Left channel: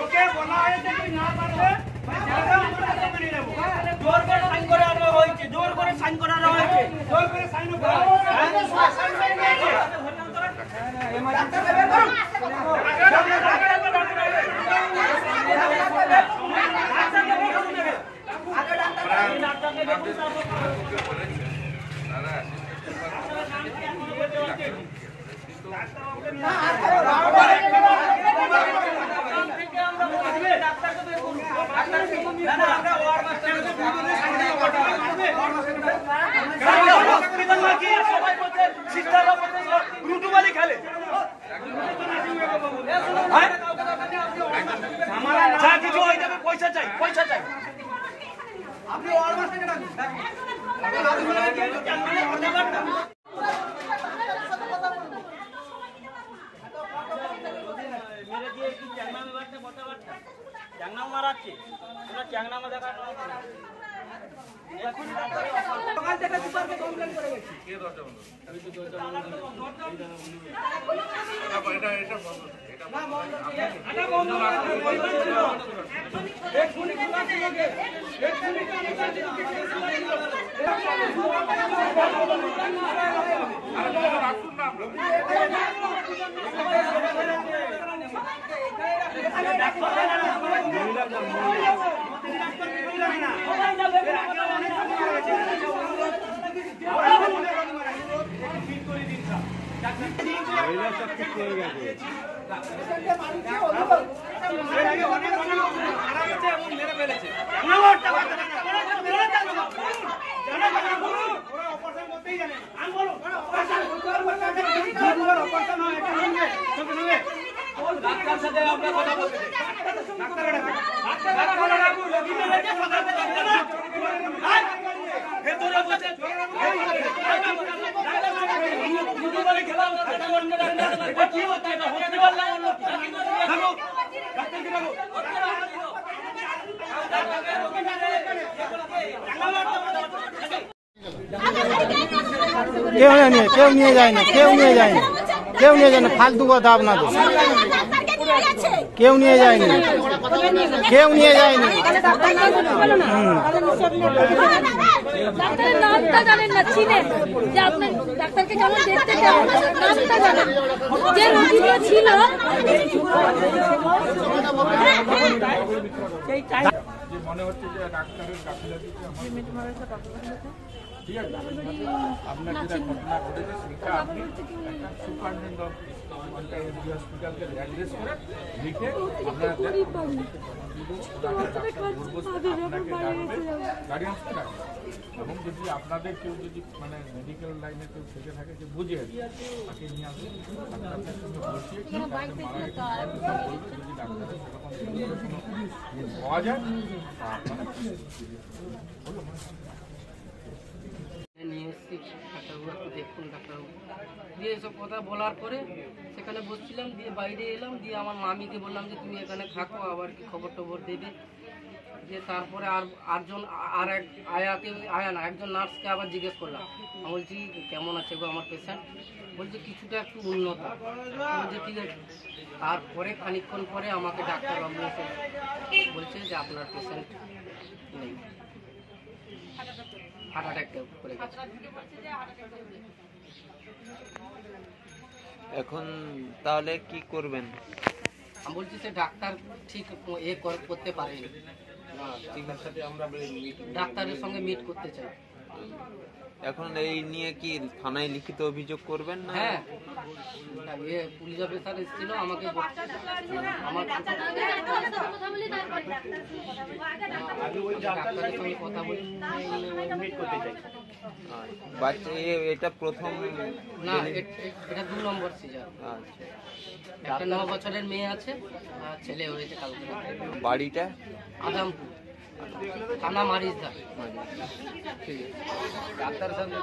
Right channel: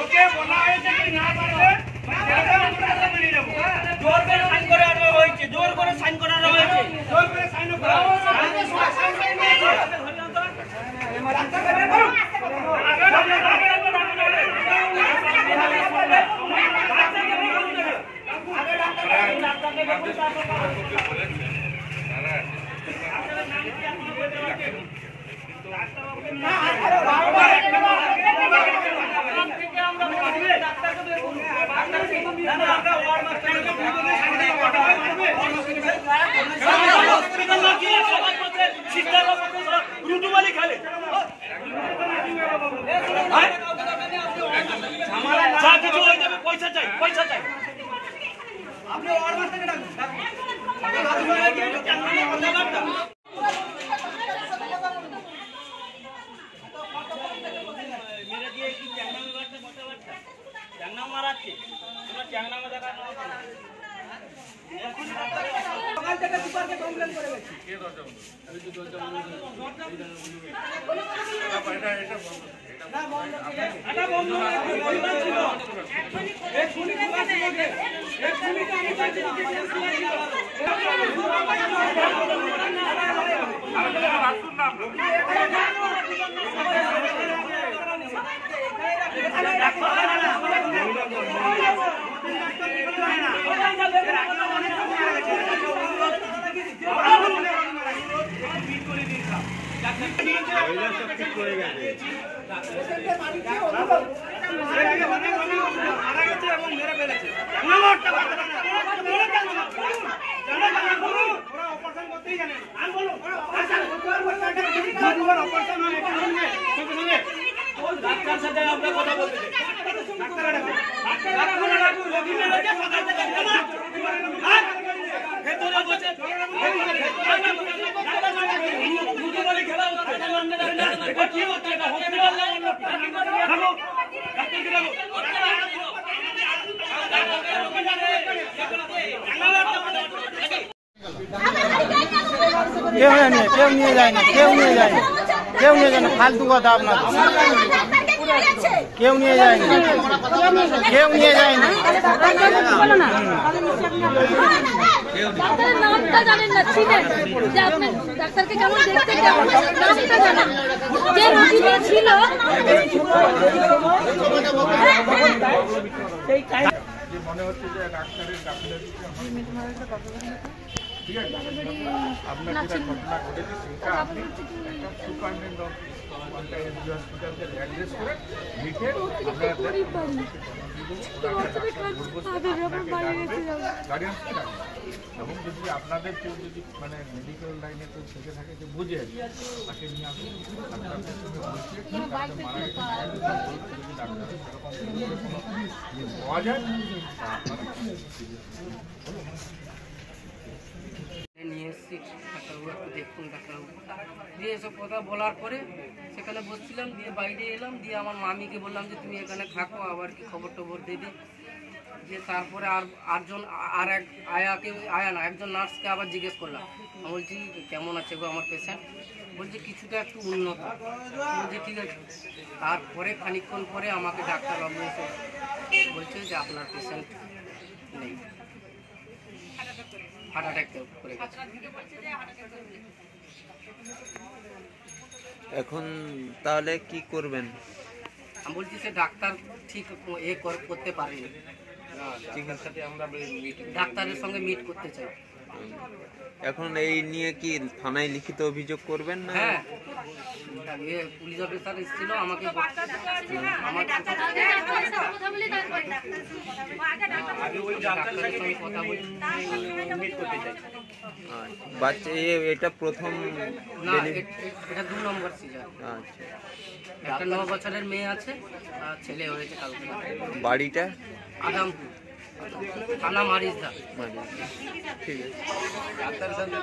ওকে বলা হয়েছে কি না পারবে জোর করে সাইন করে আনা হয়েছে, জোর করে সাইন করানো হয়েছে, জোর করে সাইন করা রুটুবালি খেলে যা কিছু হয়ে যাবে, পয়সা চাই, পয়সা চাই। আপনি মেরে দিয়ে কি চ্যাংনামে বাড়ছে, মোটা বাড়ছে, চ্যাংনাম মারাচ্ছে, তোমরা চ্যাংনামে দেখানো সকাল থেকে সুপারকে কমপ্লেন করে গেছি। কে দরজা বন্ধ? আমি তো দরজা বন্ধ করি। এটা বন্ধ। না বন্ধ ঠিক আছে। এটা বন্ধ না, বন্ধ ছিল। এক শুনি কি বাকি হবে? এক শুনি কি আমি বলছি না, আমি তো রাখুন না আমরা। ডাক্তার সাথে আমরা কথা বলতে কেউ নিয়ে যায় না, কেউ নিয়ে যায় না, কেউ নিয়ে যায় না, ফালতু কথা আপনাদের, কেউ নিয়ে যায় না, কেউ নিয়ে যায় না। নামটা জানেন না, ছিলেন যে আপনার ডাক্তারকে কেমন দেখতে, কেমন নামটা জানেন, যে রোগীটা ছিল মনে হচ্ছে যে ডাক্তারের গাফিলতিতে ঠিক আছে, আপনার যেটা ঘটনা ঘটেছে সেটা আপনি একটা সুপারিনটেন্ডেন্ট অফ এসডি হসপিটালকে অ্যাড্রেস করে লিখে আপনারা গার্ডিয়ানসকে ডাকবেন। এবং যদি আপনাদের কেউ যদি মানে মেডিকেল লাইনে কেউ থেকে থাকে যে বুঝে তাকে নিয়ে আসবেন, আপনাদের সঙ্গে বসিয়ে তাকে মারা গেছে বলবেন। যদি ডাক্তারের সেরকম কোনো পাওয়া যায় আপনারা বলুন। নিয়ে এসেছি, ডাক্তারবাবু একটু দেখুন, ডাক্তারবাবু দিয়ে এসব কথা বলার পরে সেখানে বসছিলাম, দিয়ে বাইরে এলাম, দিয়ে আমার মামিকে বললাম যে তুমি এখানে থাকো, আবার কি খবর টবর দেবে। দিয়ে তারপরে একজন নার্সকে আবার জিজ্ঞেস করলাম, আমি বলছি কেমন আছে গো আমার পেশেন্ট, বলছে কিছুটা একটু উন্নত, বলছে ঠিক আছে। তারপরে খানিকক্ষণ পরে আমাকে ডাক্তারবাবু এসে বলছে যে আপনার পেশেন্ট নেই, হার্ট অ্যাটাক করে গেছে। এখন তাহলে কি করবেন? আমি বলছি সে ডাক্তার ঠিক করতে পারেনি, ডাক্তারের সঙ্গে মিট করতে চাই। এখন এই নিয়ে কি থানায় লিখিত অভিযোগ করবেন না? হ্যাঁ, পুলিশ অফিসার এসেছিল আমাকে ডাক্তারের সঙ্গে কথা বলে মিট করতে চাই। বাচ্চা এটা প্রথম না, এটা 2 নম্বর সিজার। একটা 9 বছরের মেয়ে আছে আর ছেলে হয়েছে কালকে। বাড়িটা আদামপুর, থানা মারিজদা। ঠিক আছে, ডাক্তার সাথে